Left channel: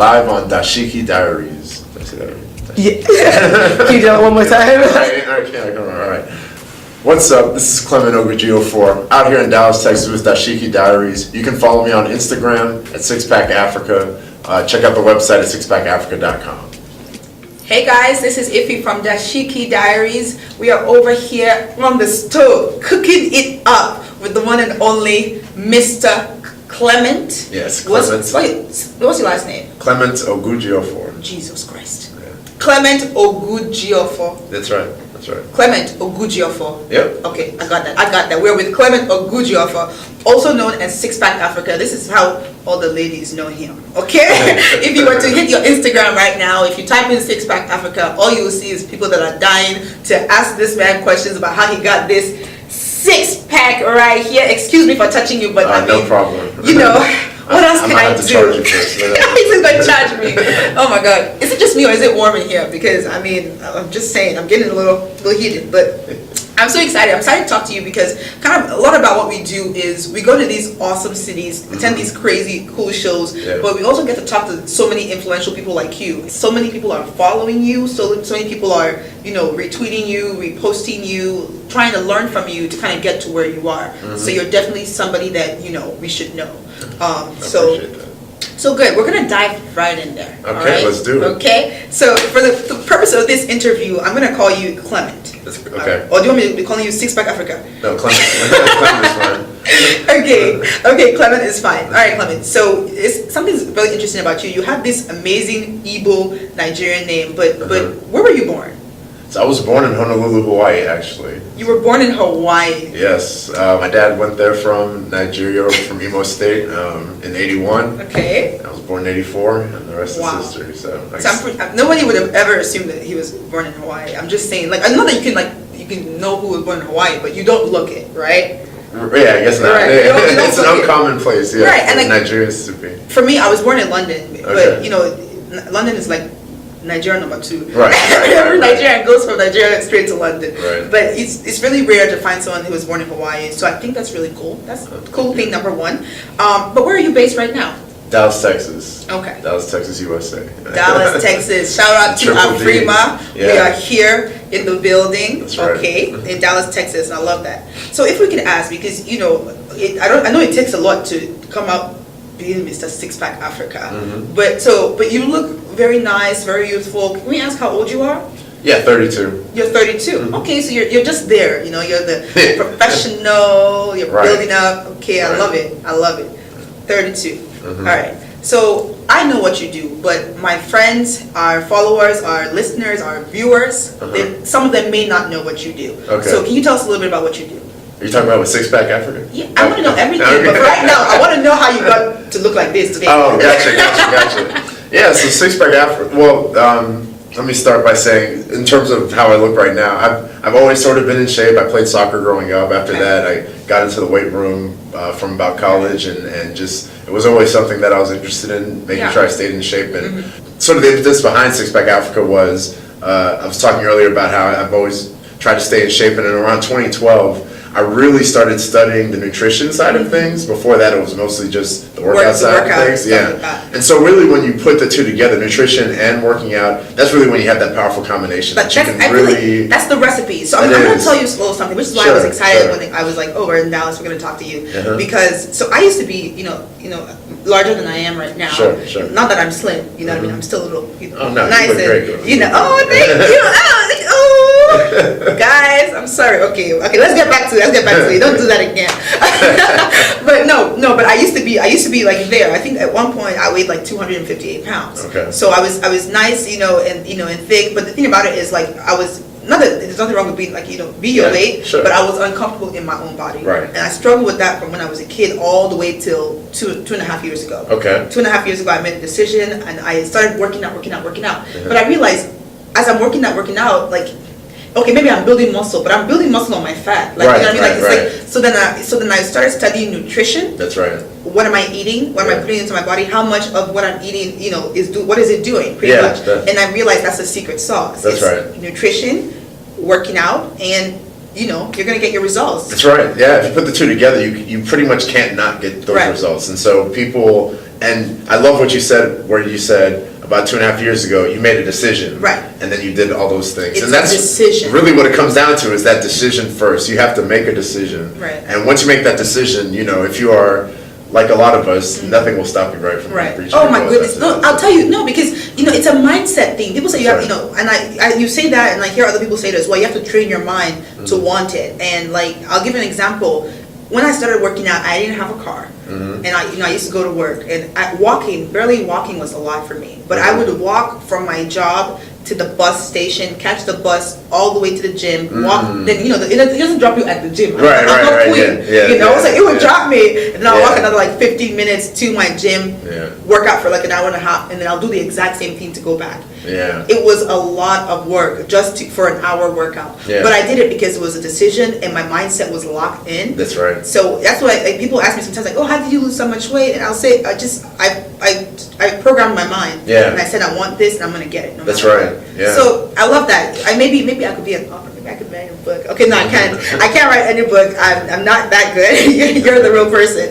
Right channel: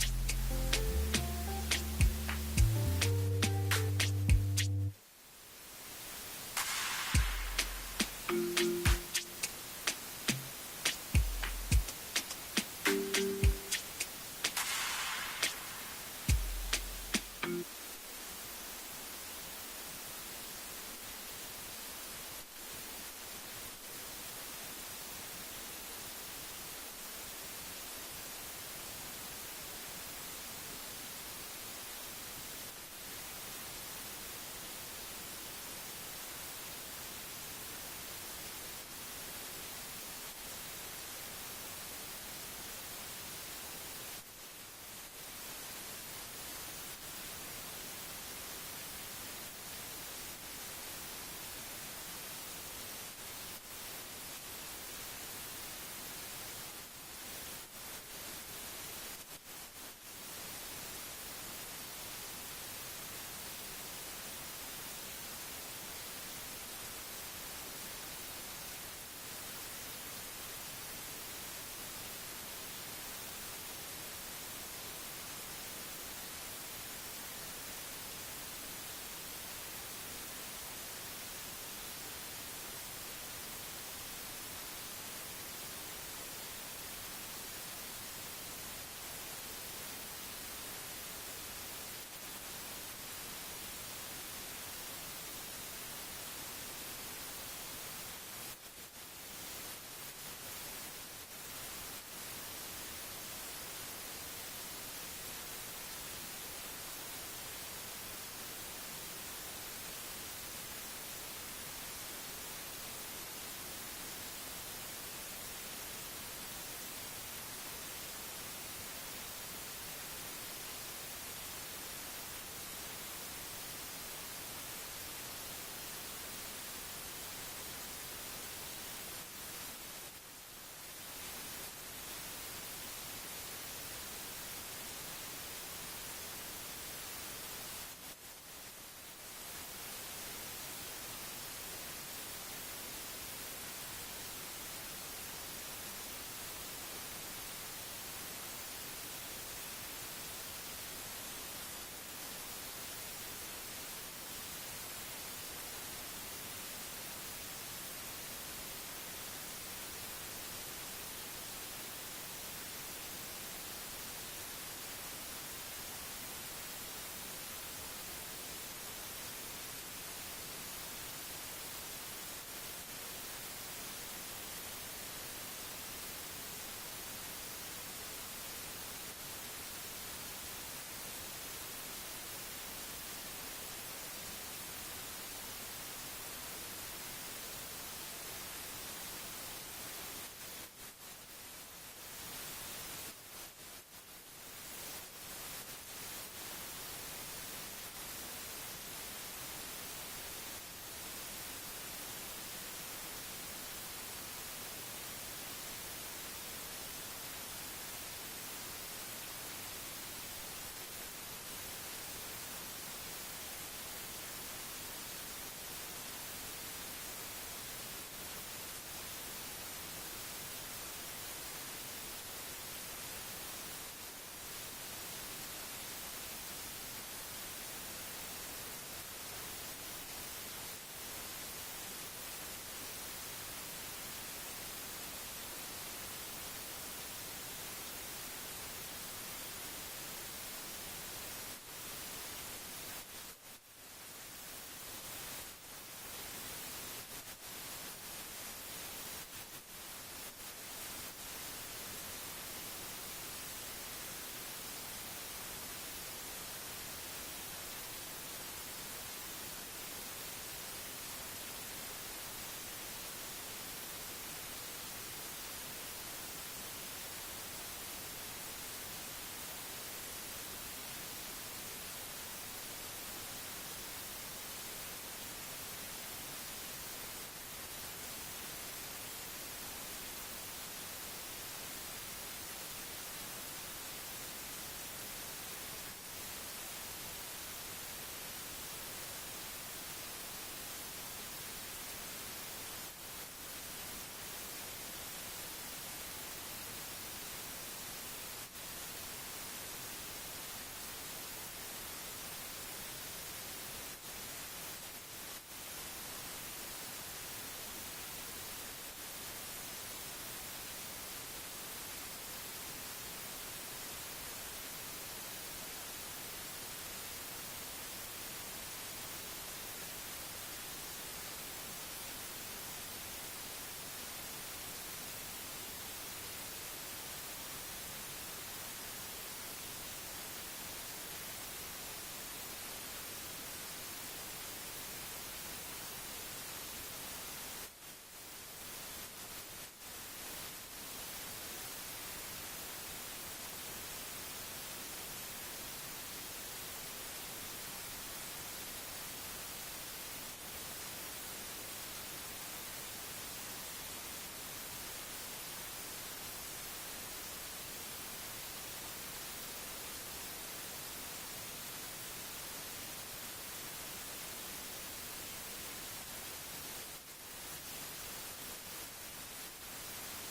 live on Dashiki Diaries. Did I say that right? Yeah. Can you do it one more time? All right. What's up? This is Clement Ogujiofor, out here in Dallas, Texas with Dashiki Diaries. You can follow me on Instagram at Sixpackafrica. Check out the website at sixpackafrica.com. Hey guys, this is Iffy from Dashiki Diaries. We are over here on the stove, cooking it up with the one and only Mr. Clement. Yes, Clement. What's your last name? Clement Ogujiofor. Jesus Christ. Yeah. Clement Ogujiofor. That's right. That's right. Clement Ogujiofor. Yep. Okay, I got that. We're with Clement Ogujiofor, also known as Sixpackafrica. This is how all the ladies know him. Okay? If you were to hit your Instagram right now, if you type in Sixpackafrica, all you will see is people that are dying to ask this man questions about how he got this six-pack right here. Excuse me for touching you, but I mean, no problem. You know, what else can I have to do? charge you first. He's going to charge me. Oh my God. Is it just me or is it warm in here? Because, I mean, I'm just saying, I'm getting a little heated. But I'm so excited. I'm excited to talk to you because kind of a lot about what we do is we go to these awesome cities, attend these crazy, cool shows, but we also get to talk to so many influential people like you. So many people are following you. So many people are, retweeting you, reposting you, trying to learn from you to kind of get to where you are. So you're definitely somebody that, we should know. So good. We're gonna dive right in there. Okay, all right? let's do it. Okay. So for the purpose of this interview, I'm gonna call you Clement. Okay. Or do you want me to be calling you Sixpackafrica? No, Clement. Clement is fine. Okay, Clement is fine. All right, Clement. So something's really interesting about you. You have this amazing Igbo Nigerian name, but where were you born? So I was born in Honolulu, Hawaii, actually. You were born in Hawaii. Yes. My dad went there from Nigeria, from Imo State, in 81. Okay. I was born in 84, and the rest is history. So nobody would have ever assumed that he was born in Hawaii. I'm just saying, I know that you can know who was born in Hawaii, but you don't look it, right? Yeah, I guess not. Right. It's an uncommon place, yeah. Right, and Nigerians to be. For me, I was born in London, but Okay. London is like Nigeria number 2. Right. Every Nigerian goes from Nigeria straight to London. Right. But it's really rare to find someone who was born in Hawaii. So I think that's really cool. That's cool thing number 1. But where are you based right now? Dallas, Texas. Okay. Dallas, Texas, USA. Dallas, Texas. Shout out to Afrima. Yeah. We are here in the building. That's right. Okay. In Dallas, Texas. And I love that. So if we can ask, because I know it takes a lot to come out being Mr. Sixpackafrica. But you look very nice, very youthful. Can we ask how old you are? Yeah, 32. You're 32. Okay, so you're just there. You're the professional. You're building up. Okay, I love it. 32. All right. So I know what you do, but my friends, our followers, our listeners, our viewers, some of them may not know what you do. Okay. So can you tell us a little bit about what you do? Are you talking about with Sixpackafrica? Yeah, I want to know everything, but for right now, I want to know how you got to look like this today. Oh, gotcha. Yeah, so Sixpackafrica. Well, let me start by saying, in terms of how I look right now, I've always sort of been in shape. I played soccer growing up. After that, I got into the weight room from about college, and just it was always something that I was interested in, making sure I stayed in shape. And sort of the impetus behind Sixpackafrica was I was talking earlier about how I've always tried to stay in shape, and in around 2012. I really started studying the nutrition side of things. Before that, it was mostly just the workout side of things. Yeah. Like and so really when you put the two together, nutrition and working out, that's really when you have that powerful combination. But that's the recipe. So I'm going to tell you a little something, which is why I was excited when I was like, we're in Dallas, we're going to talk to you. Because, I used to be, larger than I am right now. Sure. Not that I'm slim, you know what I mean? I'm still a little, You nice look great, girl. thank you. Guys, I'm sorry. Okay, let's get back to it. Don't do that again. but I used to be like there. I think at one point I weighed like 258 pounds. Okay. So I was nice, and thick. But the thing about it is like I was not that there's nothing wrong with being like be your weight, but I was uncomfortable in my own body. Right. And I struggled with that from when I was a kid all the way till two and a half years ago. Okay. 2.5 years ago I made a decision and I started working out. But I realized as I'm working out, like, okay, maybe I'm building muscle, but I'm building muscle on my fat. Like, you know what I mean? Like, so then I started studying nutrition. That's right. What am I eating? What am I putting into my body? How much of what I'm eating, what is it doing? Pretty much. And I realized that's the secret sauce. That's right. Nutrition, working out, and you're gonna get your results. That's right. Yeah. If you put the two together, you pretty much can't not get those results. And so people And I love what you said, where you said about 2.5 years ago, you made a decision. Right. And then you did all those things. It's and that's a decision. really what it comes down to, is that decision first. You have to make a decision. Right. And once you make that decision, you know, if you are like a lot of us, nothing will stop you right from Right. reaching Oh your my goals. goodness. That's No, it. I'll tell you, no, because, you know, it's a mindset thing. People say you have, Right. you know, and you say that, and I hear other people say this, well, you have to train your mind to Mm-hmm. want it. And like, I'll give you an example. When I started working out, I didn't have a car. Mm-hmm. And I used to go to work, and barely walking was a lot for me. But I would walk from my job to the bus station, catch the bus all the way to the gym, walk. Then you know it doesn't drop you at the gym. Mm. Right, I'm right, not right, queen, yeah, you know, yeah, so it would yeah. drop me, and then I'll walk Yeah. another like 15 minutes to my gym, Yeah. work out for like an hour and a half, and then I'll do the exact same thing to go back. Yeah. It was a lot of work for an hour workout. Yeah. But I did it because it was a decision, and my mindset was locked in. That's right. So that's why like, people ask me sometimes, like, "Oh, how did you lose so much weight?" And I'll say, I programmed my mind. Yeah. And I said, I want this, and I'm gonna get it. No That's matter right. what. Yeah. So I love that. Maybe I could be an author. Maybe I could write a book. Okay, no, I can't. I can't write any book. I'm not that good. You're the real person.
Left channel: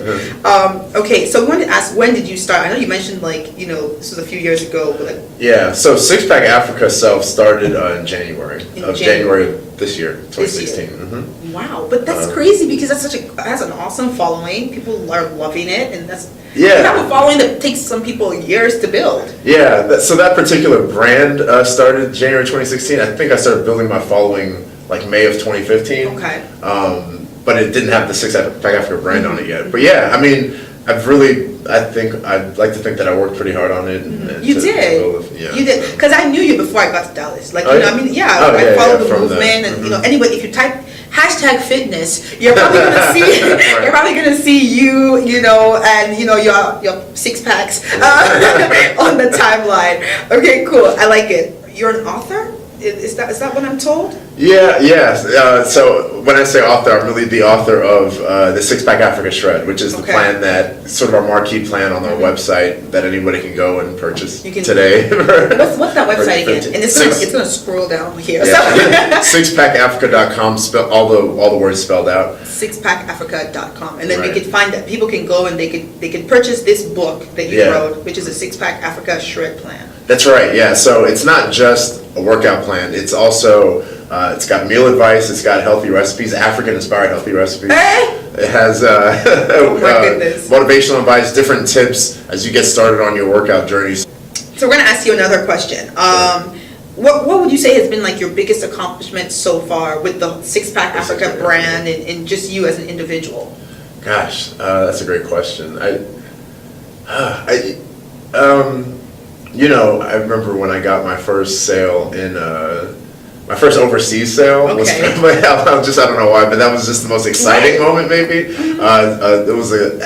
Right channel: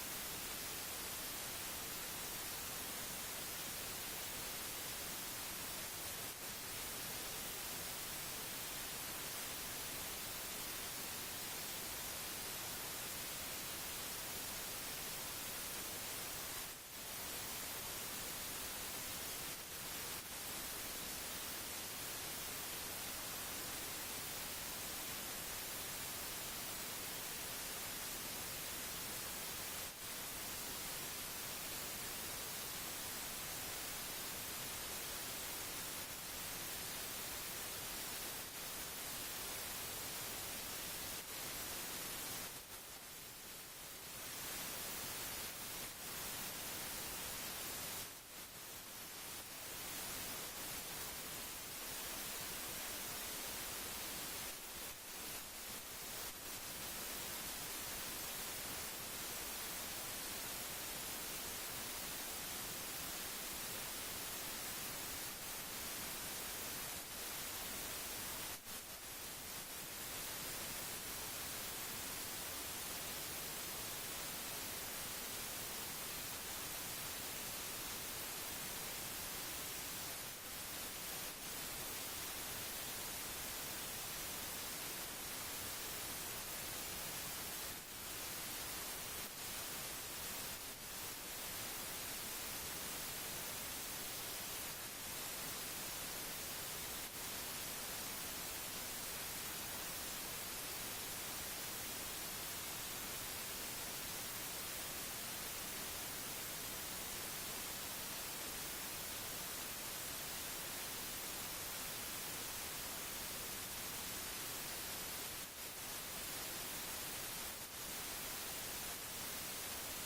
Okay, so I wanted to ask, when did you start? I know you mentioned like, you know, this was a few years ago, but like, Yeah, so Sixpack Africa itself started in January In January of this year, This year. 2016. Mm-hmm. wow. But that's crazy because that's an awesome following. People are loving it, and that's you Yeah. have a following that takes some people years to build. Yeah, so that particular brand started January 2016. I think I started building my following like May of 2015. Okay. But it didn't have the Sixpack Africa brand on it yet. But yeah, I mean, I'd like to think that I worked pretty hard on it. And You to did. build it, yeah. You did. Because I knew you before I got to Dallas. Like, Oh, you know, yeah? I mean, yeah, Oh, I yeah, followed yeah, the from movement, the- and, you know, anyway, if you type #fitness, you're probably gonna see, Right. you're probably gonna see you know, and, you know, your six packs on the timeline. Okay, cool. I like it. You're an author? Is that what I'm told? Yeah. So when I say author, I'm really the author of the Sixpack Africa Shred, which is the Okay. plan that sort of our marquee plan on our website that anybody can go and purchase You can- today. What's that website again? And it's gonna scroll down here. Yeah. Sixpackafrica.com, all the words spelled out. Sixpackafrica.com, and then Right. they could find that people can go and they could purchase this book that you Yeah. wrote, which is a Six-Pack Africa Shred Plan. That's right, yeah. So it's not just a workout plan. It's also, it's got meal advice, it's got healthy recipes, African-inspired healthy recipes. Hey! It has my goodness. motivational advice, different tips as you get started on your workout journeys. So we're gonna ask you another question. What would you say has been like your biggest accomplishment so far with the Six-Pack Africa Six-Pack brand and just you as an individual? Gosh, that's a great question. You know, I remember when I got my first sale in, my first overseas sale was, Okay. I don't know why, but that was just the most exciting moment maybe. I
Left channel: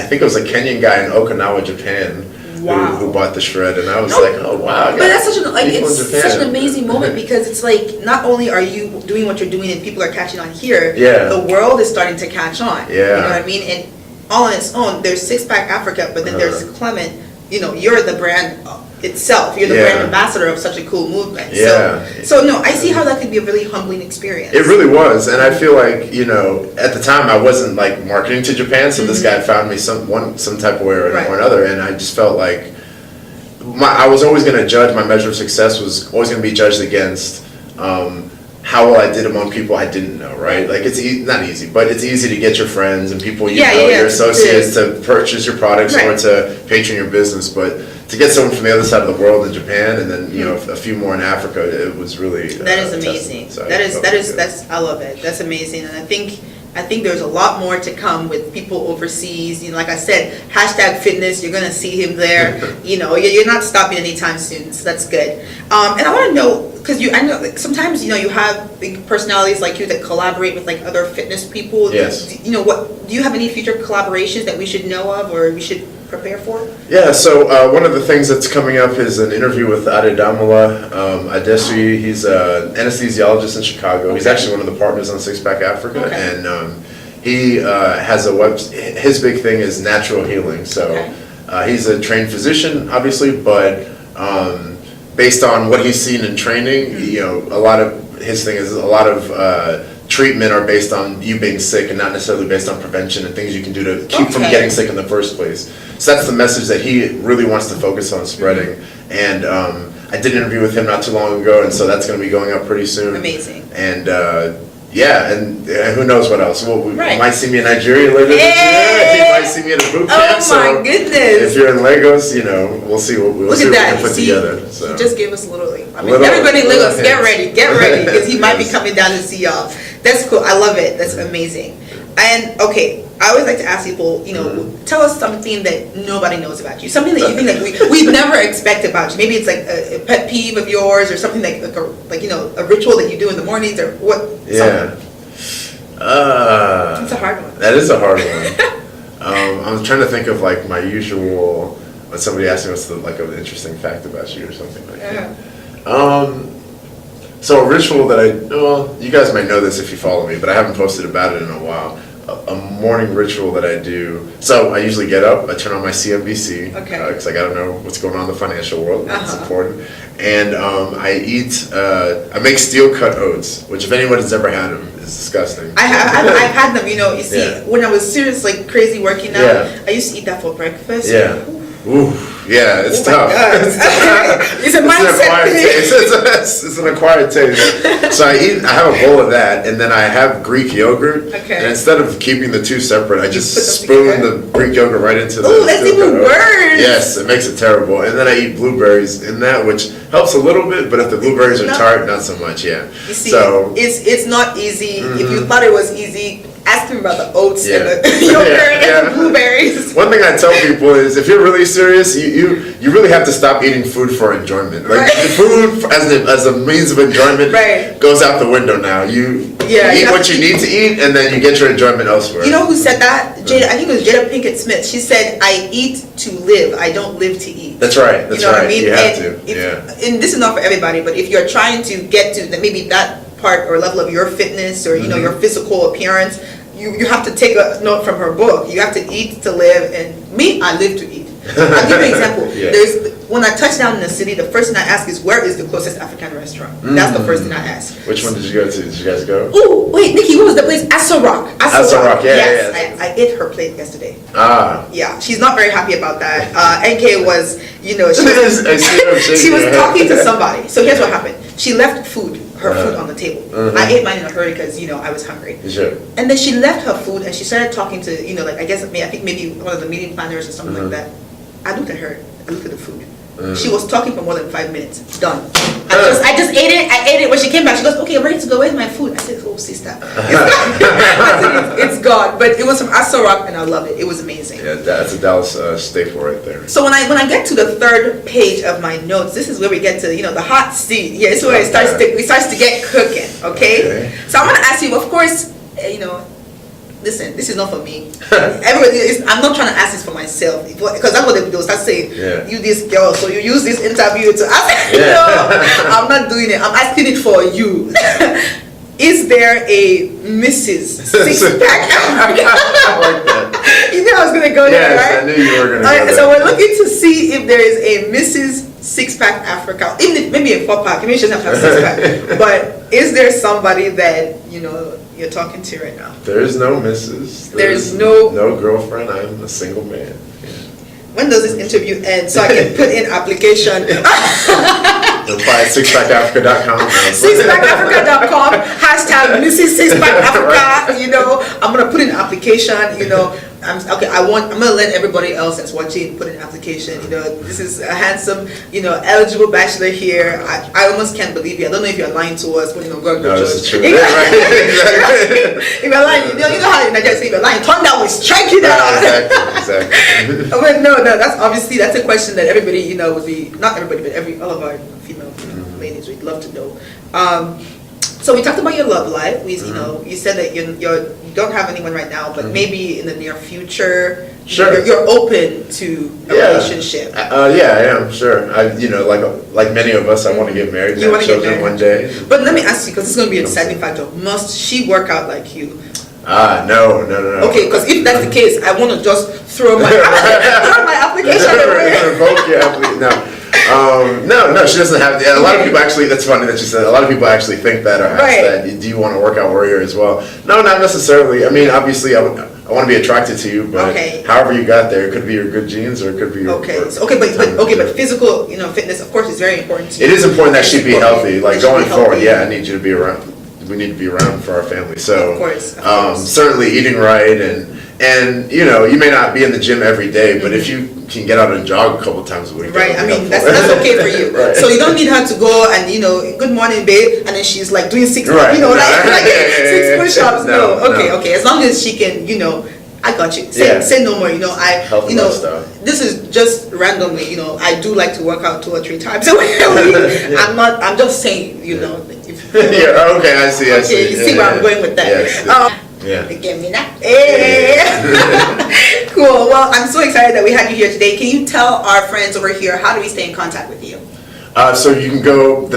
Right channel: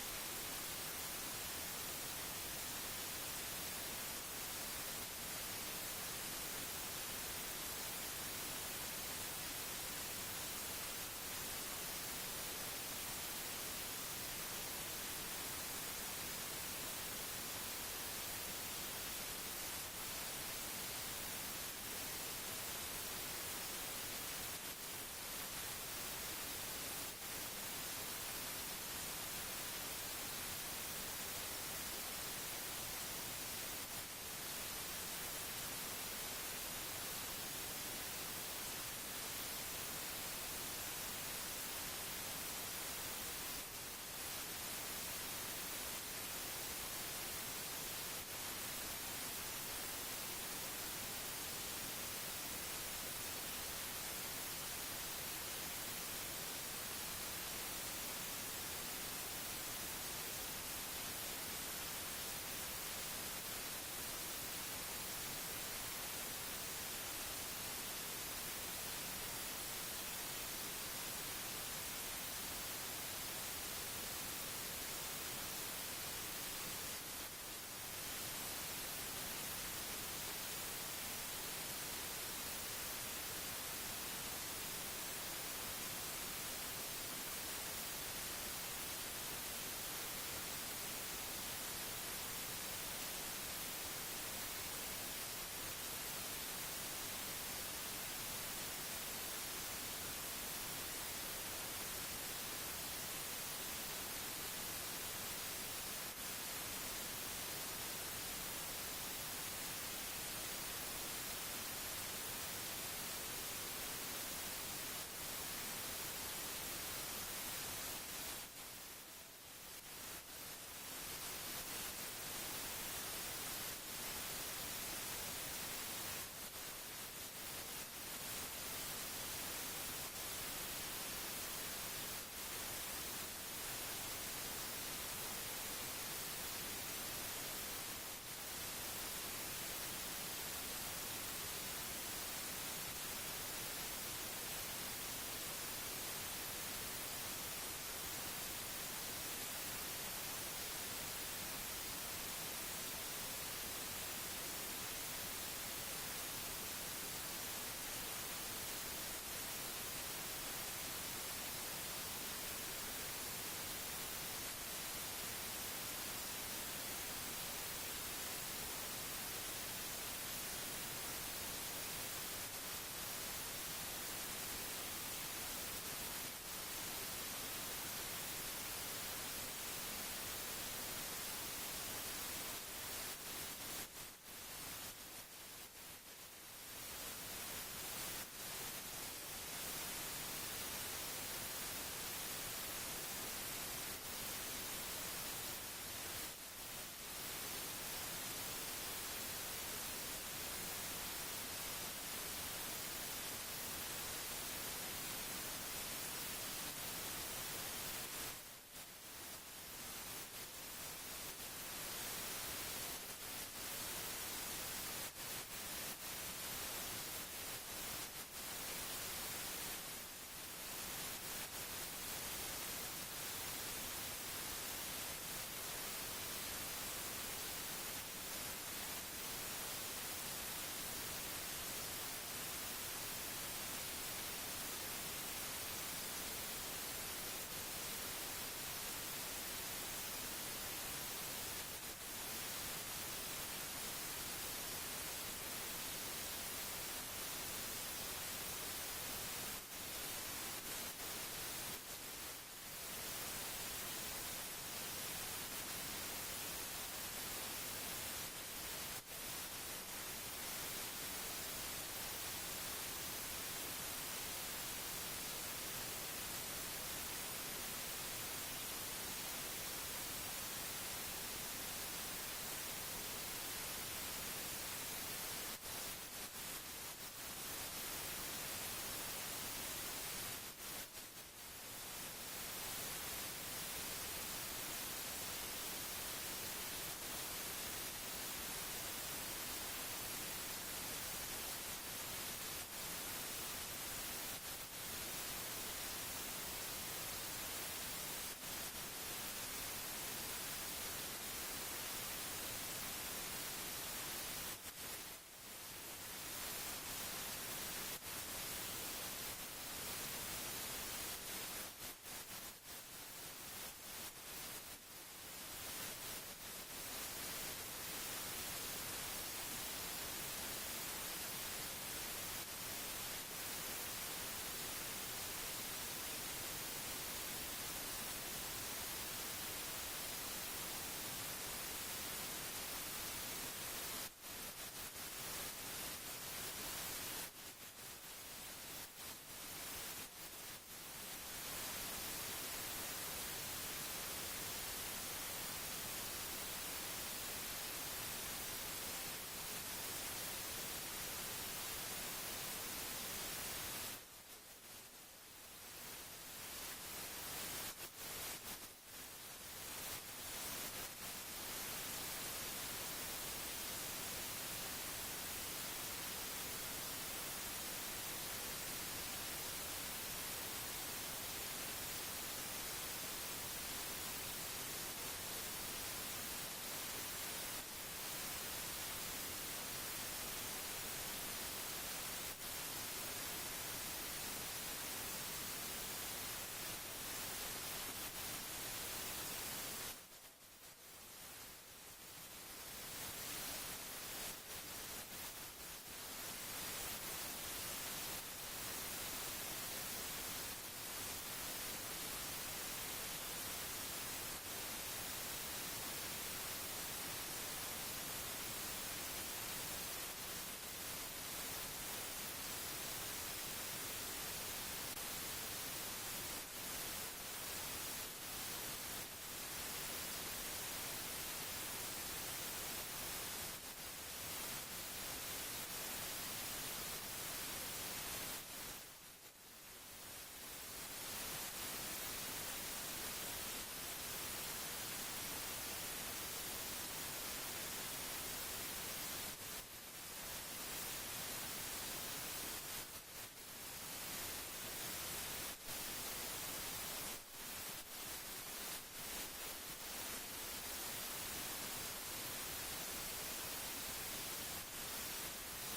think it was a Kenyan guy in Okinawa, Japan, Wow. who bought the shred, and I was No, like, oh wow. I But got that's such an people in it's Japan. such an amazing moment because it's like not only are you doing what you're doing and people are catching on here, Yeah. the world is starting to catch on. Yeah. You know what I mean? And all on its own, there's Six-Pack Africa, but then there's Clement. You know, you're the brand itself. You're the Yeah. brand ambassador of such a cool movement. Yeah. So no, I see how that could be a really humbling experience. It really was, and I feel like, you know, at the time I wasn't like marketing to Japan, so this guy found me some type of way or Right. another, and I just felt like I was always going to judge, my measure of success was always going to be judged against how well I did among people I didn't know, right? Like it's not easy, but it's easy to get your friends and people you know, your associates to purchase your products or Right. to patron your business, but to get someone from the other side of the world in Japan and then, you know, a few more in Africa, it was really That is amazing. So That's I love it. That's amazing, and I think there's a lot more to come with people overseas. You know, like I said, #fitness. You're gonna see him there. You know, you're not stopping anytime soon, so that's good. And I want to know because I know like, sometimes you know you have big personalities like you that collaborate with like other fitness people. Yes. You know what? Do you have any future collaborations that we should know of or we should prepare for? Yeah, so one of the things that's coming up is an interview with Adedamola Adesu. He's an anesthesiologist in Chicago. He's Okay. actually one of the partners on Sixpack Africa, Okay. and he has a his big thing is natural healing. So he's a trained physician, obviously, but based on what he's seen in training, you know, a lot of his thing is a lot of treatment are based on you being sick and not necessarily based on prevention and things you can do to keep from Okay. getting sick in the first place. So that's the message that he really wants to focus on spreading. And I did an interview with him not too long ago, and so that's going to be going up pretty soon. Amazing. And yeah, and who knows what else. Well, we Right. might see me in Nigeria later this year. You might see me at a boot camp. Oh so my goodness. if you're in Lagos, you know, we'll see what Look we at that. can put See, together. So. he just gave us a little, I mean, Little- everybody in little Lagos, get hints. ready, because he might be Yes. coming down to see y'all. That's cool. I love it. That's amazing. And okay, I always like to ask people, you know, tell us something that nobody knows about you. Something that you think like we'd never expect about you. Maybe it's like a pet peeve of yours, or something like you know, a ritual that you do in the mornings, or what? Yeah. It's a hard one. That is a hard one. I'm trying to think of like my usual, when somebody asks me what's the, like an interesting fact about you or something like that. So a ritual that well, you guys might know this if you follow me, but I haven't posted about it in a while. A morning ritual that I do. So I usually get up, I turn on my CNBC, Okay. because I gotta know what's going on in the financial world. That's important. And I eat, I make steel cut oats, which if anybody's ever had them, is disgusting. I've had them, you know, you see, Yeah. when I was serious, like crazy working out, Yeah. I used to eat that for breakfast. Yeah. Ooh, yeah, it's Oh my tough. God. It's tough. It's a It's an mindset acquired thing. taste. It's an acquired taste. So I have a bowl of that, and then I have Greek yogurt. Okay. And instead of keeping the two separate, I just put them spoon together? the Greek yogurt right into the. Ooh, that's steel even cut oat. worse. Yes, it makes it terrible. And then I eat blueberries in that, which helps a little bit, but if the blueberries are No. tart, not so much. Yeah. You see, So. it's not easy. If you thought it was easy, ask them about the oats and Yeah. the yogurt Yeah. and the blueberries. One thing I tell people is, if you're really serious, you really have to stop eating food for enjoyment. Like Right. the food as a means of enjoyment Right. goes out the window now. You Yeah, eat you have what you to- need to eat, and then you get your enjoyment elsewhere. You know who said that? Jada, I think it was Jada Pinkett Smith. She said, "I eat to live. I don't live to eat." That's right. That's you know right. what I mean? You have and to. if- Yeah. And this is not for everybody, but if you're trying to get to maybe that part or level of your fitness or you know your physical appearance, you have to take a note from her book. You have to eat to live, and me, I live to eat. I'll give you an example. Yeah. When I touch down in the city, the first thing I ask is, where is the closest African restaurant? That's the first thing I ask. Which one did you go to? Did you guys go? Ooh, wait, Nikki, what was the place? Aso Rock. Aso Rock, yeah, yes, yeah. I ate her plate yesterday. Ah. Yeah, she's not very happy about that. NK was, you know, she I was, see her shaking she was her head. talking to somebody. So here's what happened. She left her food on the table. Uh-huh. I ate mine in a hurry because, you know, I was hungry. Sure. And then she left her food and she started talking to, you know, like, I think maybe one of the meeting planners or something like that. I looked at her, I looked at the food. She was talking for more than 5 minutes. Done. I just ate it. I ate it. When she came back, she goes, "Okay, I'm ready to go. Where's my food?" I said, "Oh, sister, I said, it's gone." But it was from Aso Rock, and I loved it. It was amazing. Yeah, that's a Dallas staple right there. So when I get to the third page of my notes, this is where we get to, you know, the hot seat. Yeah, this is where it starts to get cooking. Okay. So I'm gonna ask you, of course, you know. Listen, this is not for me. Everybody I'm not trying to ask this for myself, because that's what they'll start saying. Yeah. You this girl, so you use this interview to ask. Yeah. No, I'm not doing it. I'm asking it for you. Is there a Mrs. Sixpack Africa? I like that. You knew I was gonna go there, Yes, right? I knew you were gonna go Alright, there. so we're looking to see if there is a Mrs. Sixpack Africa, even if maybe a 4-pack, maybe she doesn't have a 6-pack. But is there somebody that, you know, you're talking to right now? There is no missus. There's no- girlfriend. I'm a single man. Yeah. When does this interview end so I can put in application? Apply at sixpackafrica.com. Sixpackafrica.com, hashtag Mrs. Sixpack Africa, you know, I'm gonna put in application, you know, I'm gonna let everybody else that's watching put in application, you know, this is a handsome, you know, eligible bachelor here. I almost can't believe you. I don't know if you're lying to us, but you know, God No, knows. this is true. Yeah, right. Exactly. If you're lying, you know how in Nigeria say if you're lying, turn that way, strike you down. Exactly. But no, that's a question that everybody, you know, would be, not everybody, but all of our female ladies would love to know. So we talked about your love life. You know, you said that you don't have anyone right now, but maybe in the near future, Sure. you're open to a relationship. Yeah, I am, sure. You know, like many of us, I want to get married. You have wanna get children married. one day. But let me ask you, because this is going to be a deciding factor. Must she work out like you? No. Okay, because if that's the case, I want to just throw my application away. Revoke your application. No, she doesn't have. A lot of people actually. That's funny that you said. A lot of people actually think that or ask that. Do you want a workout warrior as well? No, not necessarily. I mean, obviously, I want to be attracted to you, but however you got there, it could be your good genes or it could be your. But physical, fitness, of course, is very important to you. It is important that she be healthy. Like going forward, I need you to be around. We need to be around for our family. So, of course. Certainly eating right and you may not be in the gym every day, but if you can get out and jog a couple times a week. Right, I mean, that's okay for you. Right. So you don't need her to go and, good morning, babe, and then she's like doing six, six push-ups. No. Okay. As long as she can, I got you. Say no more, this is just randomly, I do like to work out 2 or 3 times a week. I'm just saying, Okay, I see. Okay, you see where I'm going with that. Yes. Give me that. Hey. Cool. Well, I'm so excited that we had you here today. Can you tell our friends over here, how do we stay in contact with you? So you can go,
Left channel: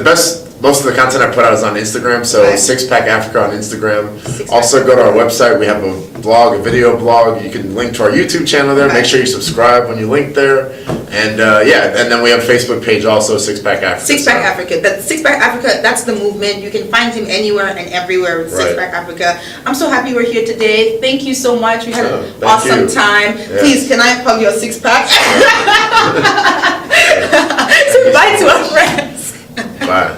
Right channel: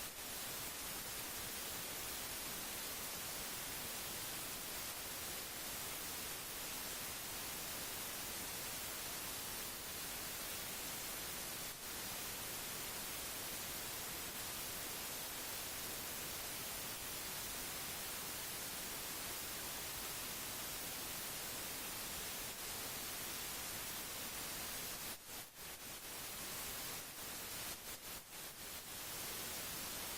most of the content I put out is on Instagram, so Sixpackafrica on Instagram. Also go to our website, we have a blog, a video blog, you can link to our YouTube channel there, make sure you subscribe when you link there. And and then we have a Facebook page also, Sixpackafrica. Sixpackafrica, Sixpackafrica, that's the movement. You can find him anywhere and everywhere with Sixpackafrica. I'm so happy we're here today. Thank you so much, we had an awesome time. Yeah. Please, can I hug your six-pack? Say bye to our friends. Bye.